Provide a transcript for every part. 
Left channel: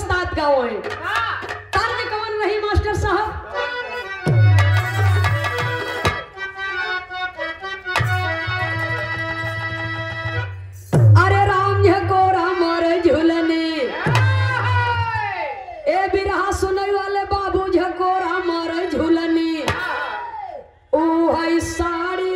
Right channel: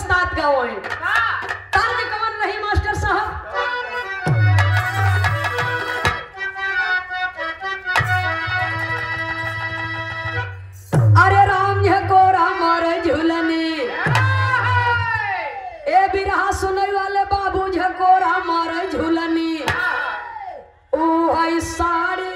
उस्ताद गाओ है। तर्ज कौन रही मास्टर साहब? अरे राम को राम झूलने ए बिरहा सुनई वाले बाबू झको राम झूलनी ओ भाई साड़ी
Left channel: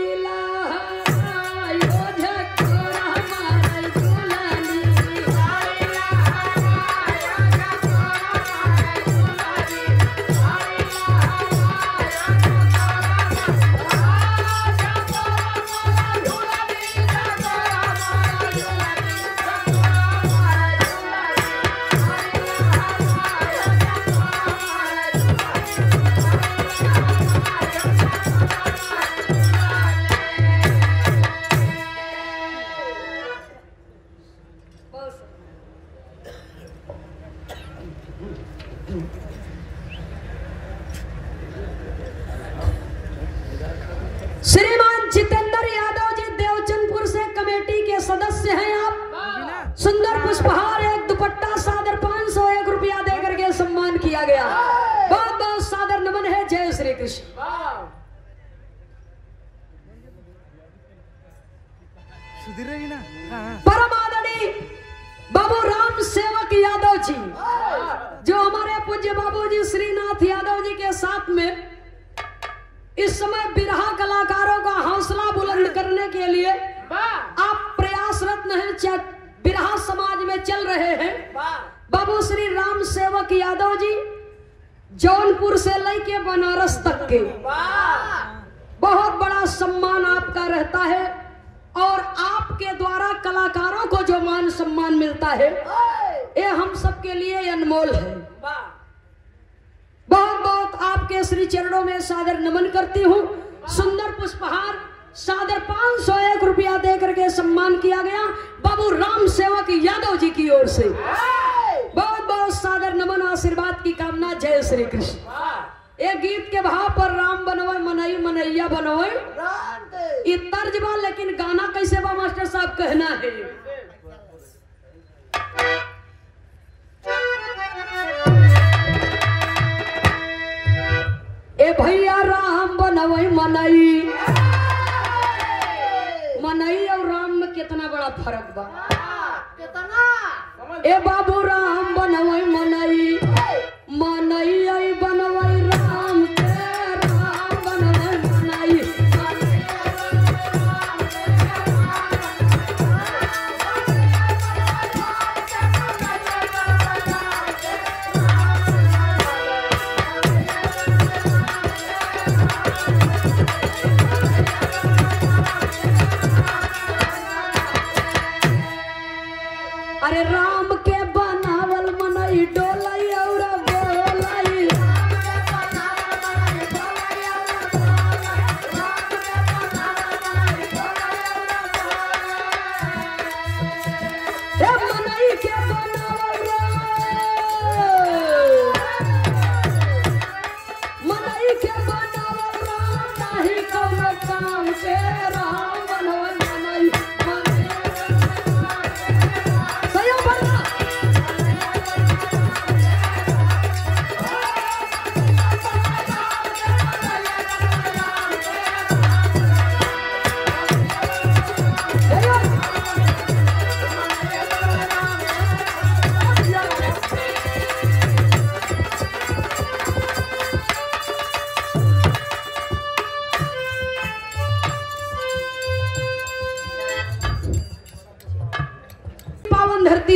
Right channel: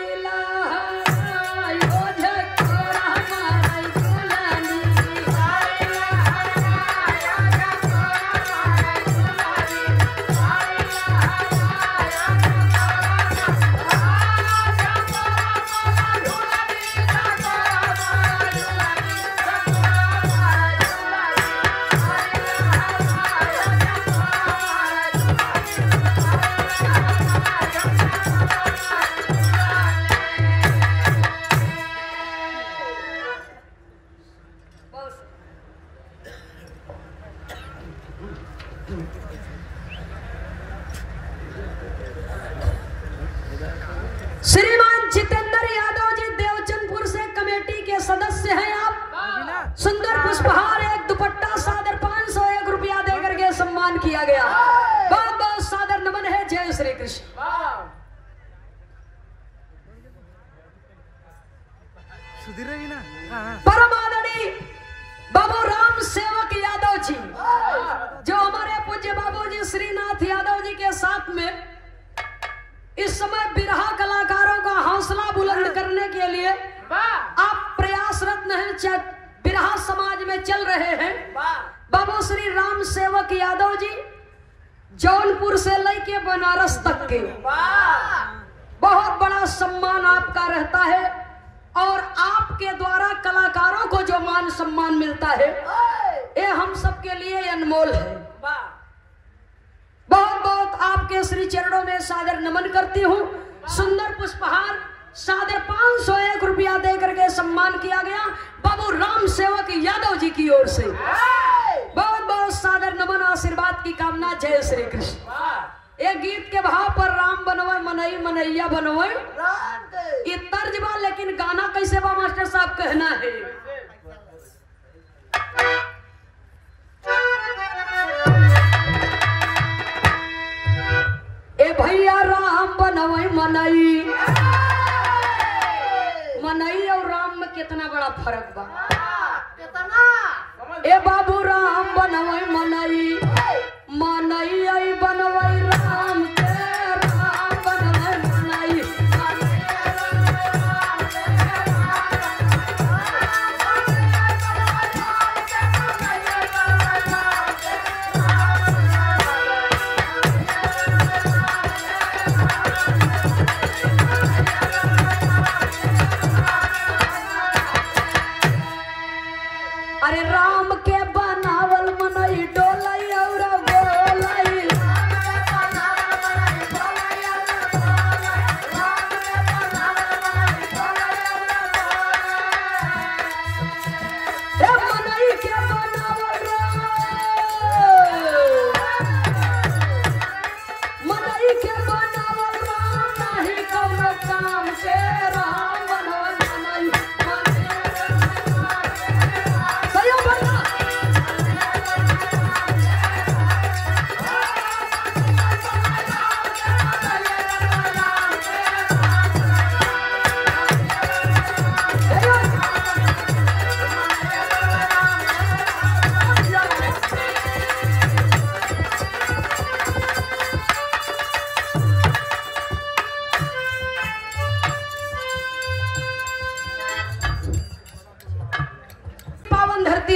श्रीमान जितेंद्र यादव जी देवचंदपुर से कमेटी के सदस्य हैं आप। सुंदर पुष्पहार एक दुपट्टा सादर 501 रुपया देकर के सम्मान किया गया। बहुत बहुत सादर नमन है। जय श्री कृष्ण। परम आदरणीय बाबू राम सेवक यादव जी जो हमारे पूज्य बाबू जी श्रीनाथ यादव जी के साथ में इस समय बिरहा कलाकारों का हौसला बुलंद करने के लिए आप प्रयासरत हैं, बिरहा समाज में चल रहे हैं। बाबू श्री राम सेवक यादव जी जौनपुर से लेके बनारस तक के बहुत बड़ा सम्मान आपका रहता है और आपके द्वारा कलाकारों को जो मान सम्मान मिलता है ये हम सबके लिए अनमोल है। बहुत बहुत आपके श्री चरणों में सादर नमन करती हूँ। सुंदर पुष्पहार सादर 501 रुपया दे करके सम्मान किया गया बाबू राम सेवक यादव जी की ओर से। बहुत बहुत सादर नमन आशीर्वाद की कामना। जय श्री कृष्ण। एक गीत के भाव पर राम बनवे मनई मनैया बनवे ये तर्ज बा, लेकिन गाना कैसे बा मास्टर साहब कहना है। ए भैया राम बनवई मनई मनई और राम में कितना बड़ा फर्क बा। ए बाबू राम बनवई मनई मनई बनवई राम के राम बनवई मनई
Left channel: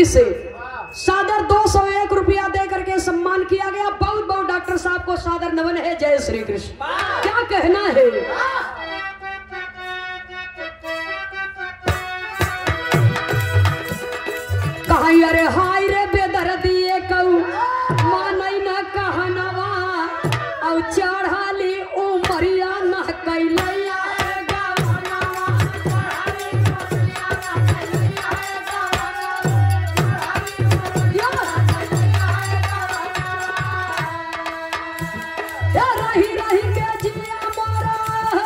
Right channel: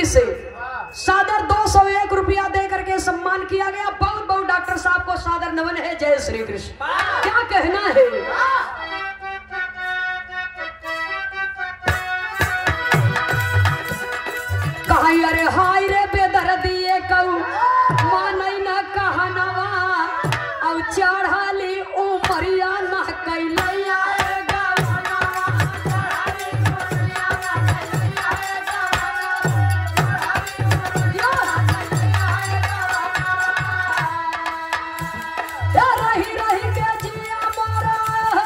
से सादर 201 रुपया दे करके सम्मान किया गया। बहुत बहुत डॉक्टर साहब को सादर नमन है। जय श्री कृष्ण। क्या कहना है? कहा अरे हाय रे बेदर्दिए कहू मानई न कहनवा और चढ़ाली उमरिया न कैलैया रही रही के जिया मारा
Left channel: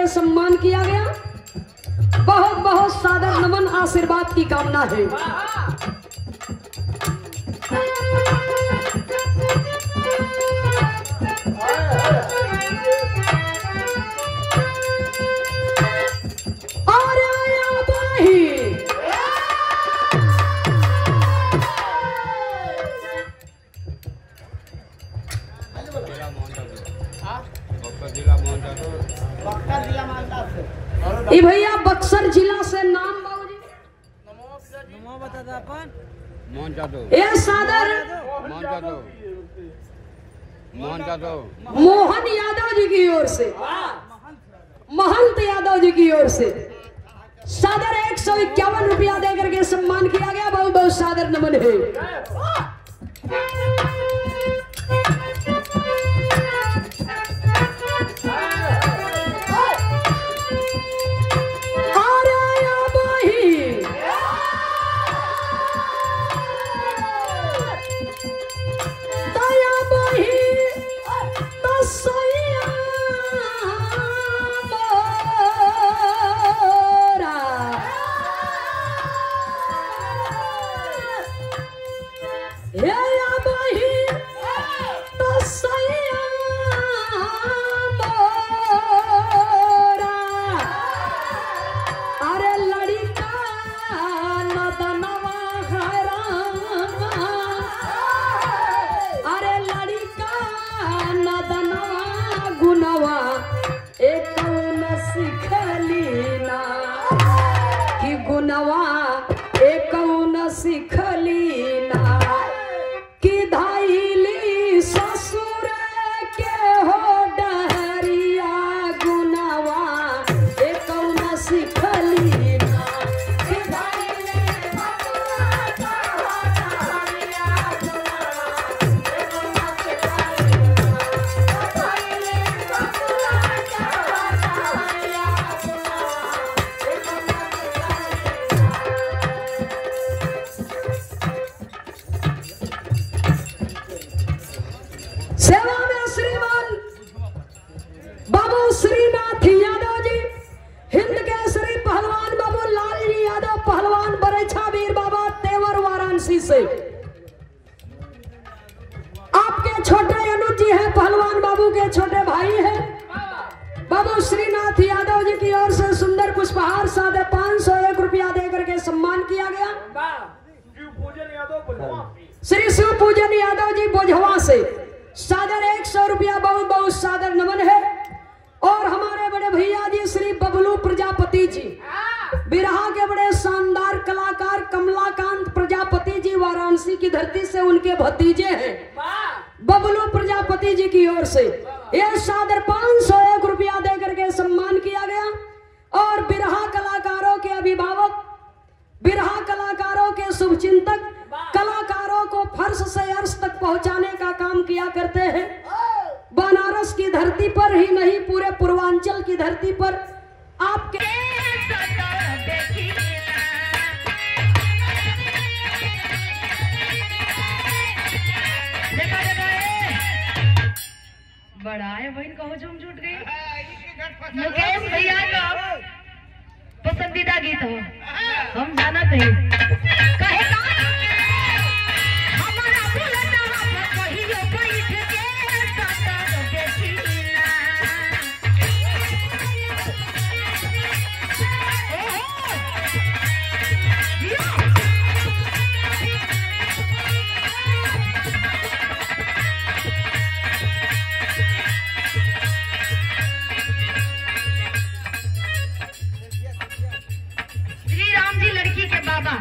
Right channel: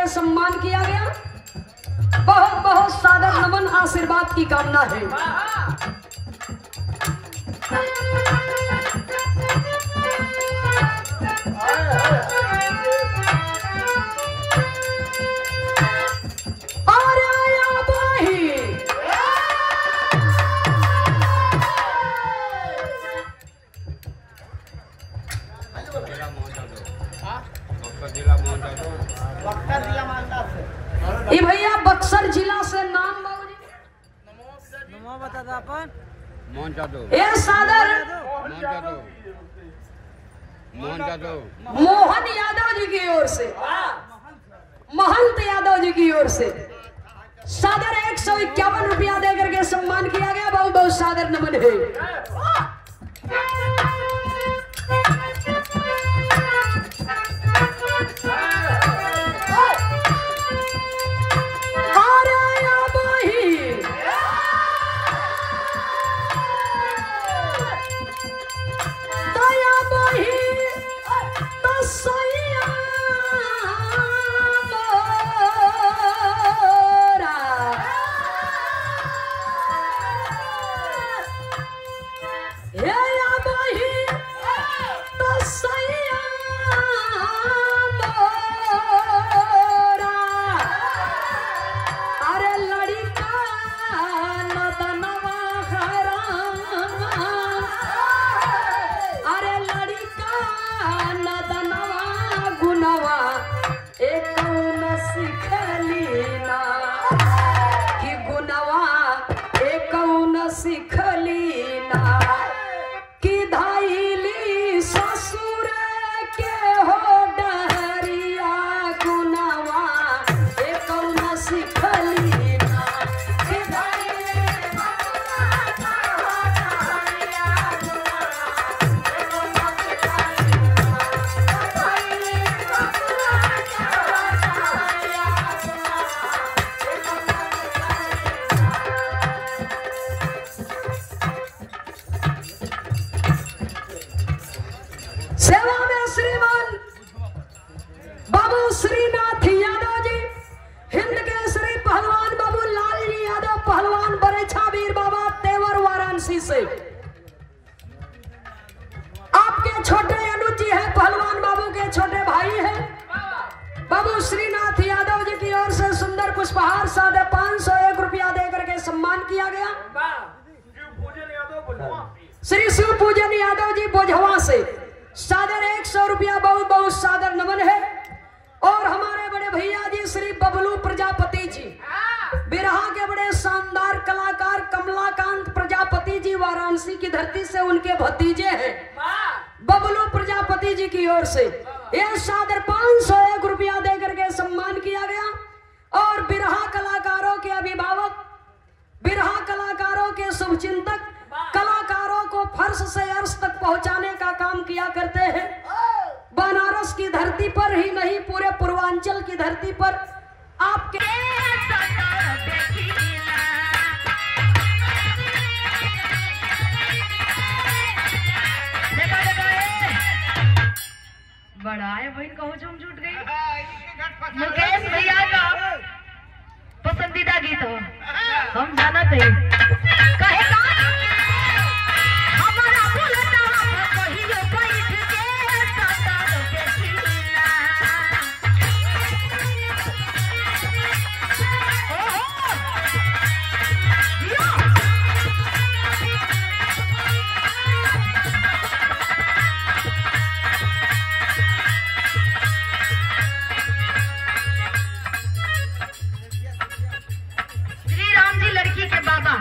के सम्मान किया गया। बहुत बहुत सादर नमन, आशीर्वाद की कामना है। और आया बाही ये भैया बक्सर जिला से नाम बाबूजी ये सादर मोहन यादव जी की ओर से, महंत यादव जी की ओर से सादर 151 रुपया देकर के सम्मान किया गया। बहुत बहुत सादर नमन है। सेवा में श्रीमान बाबू श्रीनाथ यादव जी, हिंद केसरी पहलवान बाबू लाल जी यादव, पहलवान बरेछा वीर बाबा तेवर वाराणसी से। आपके छोटे अनुज जी है, पहलवान बाबू के छोटे भाई हैं। बाबू श्रीनाथ यादव जी की ओर से सुंदर पुष्पहार सादे 501 रुपया देकर के सम्मान किया गया। श्री शिव पूजन यादव जी बोझवा से सादर 100 रुपया बहुत बहुत सादर नमन है। और हमारे बड़े भैया जी श्री बबलू प्रजापति जी, बिरहा के बड़े शानदार कलाकार कमलाकांत प्रजापति जी, वाराणसी की धरती से उनके भतीजे हैं। बबलू प्रजापति जी की ओर से ये सादर 501 रुपया देकर के सम्मान किया गया। और बिरहा कलाकारों के अभिभावक, बिरहा कलाकारों के शुभचिंतक, कलाकारों को फर्श से अर्श तक पहुंचाने का काम किया करते हैं। बनारस की धरती पर ही नहीं, पूरे पूर्वांचल की धरती पर आपके बड़ा है भाई, कहो झूम जुट गई। मुकेश भैया का पसंदीदा गीत हो, हम जाना थे कहे का हमारा बुलता कहियो बैठ के सता देखिला। श्री राम जी लड़की के बाबा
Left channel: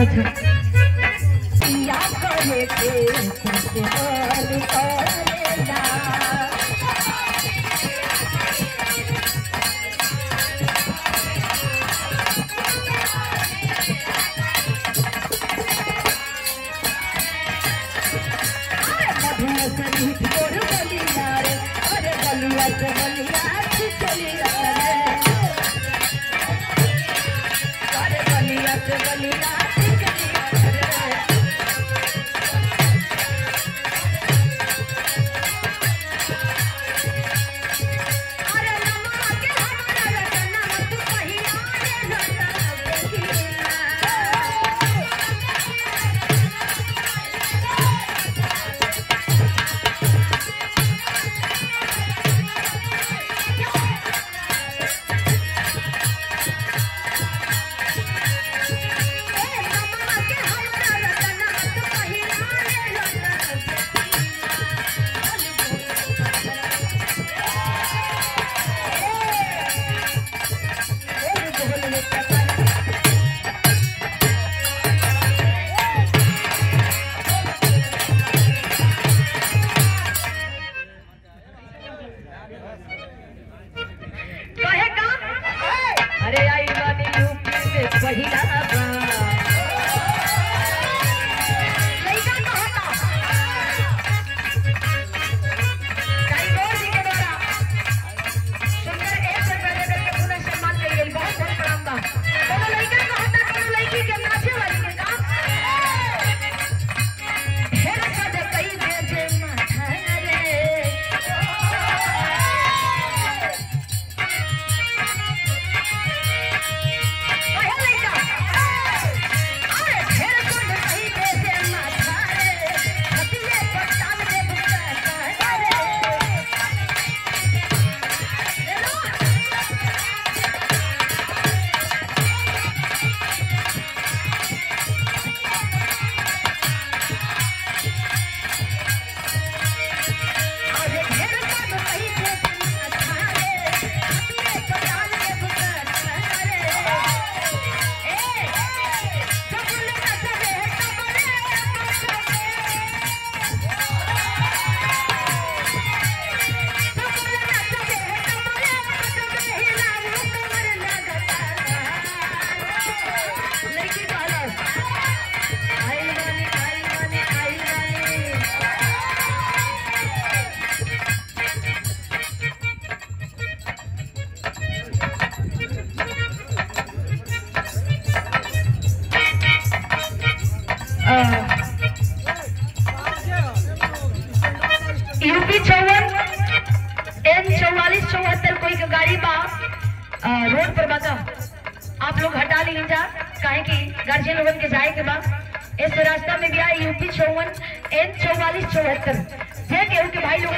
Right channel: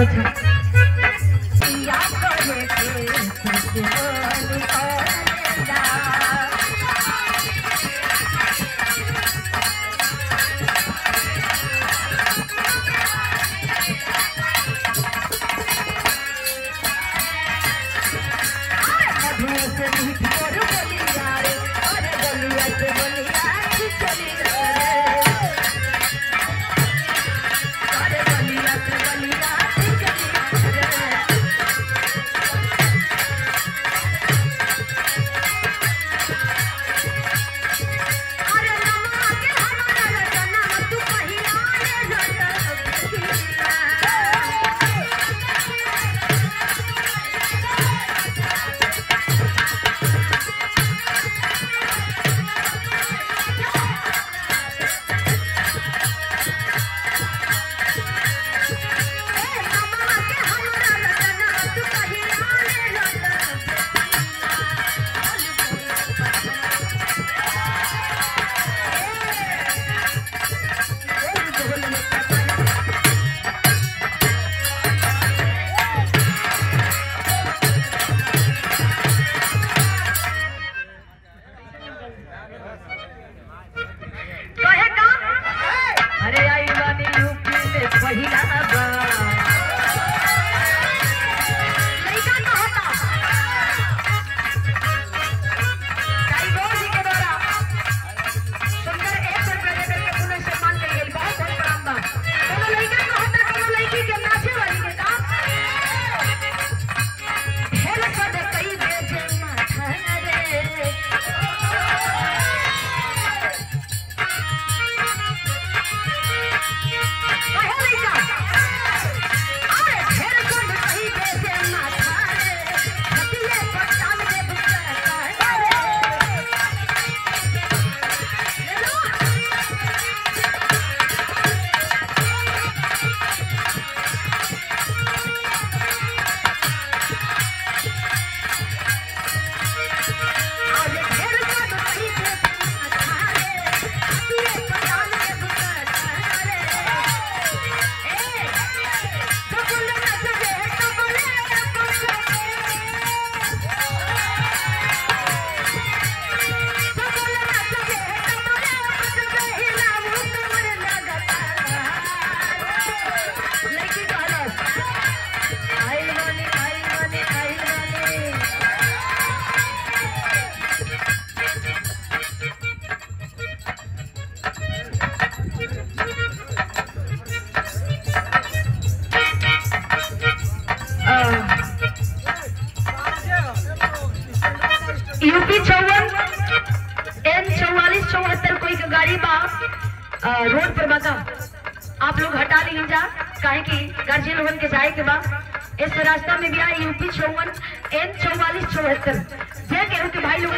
अच्छा अच्छा या करे के ससुराल करेगा यूपी 54 N 4474 कोई का गाड़ी बा रोड पर बका आप लोग हटा ली जा काहे कि गार्जियन लोगन के जाए के बा इस रास्ता में भी आई यूपी 54 N 4474 जे केहू के भाई लोग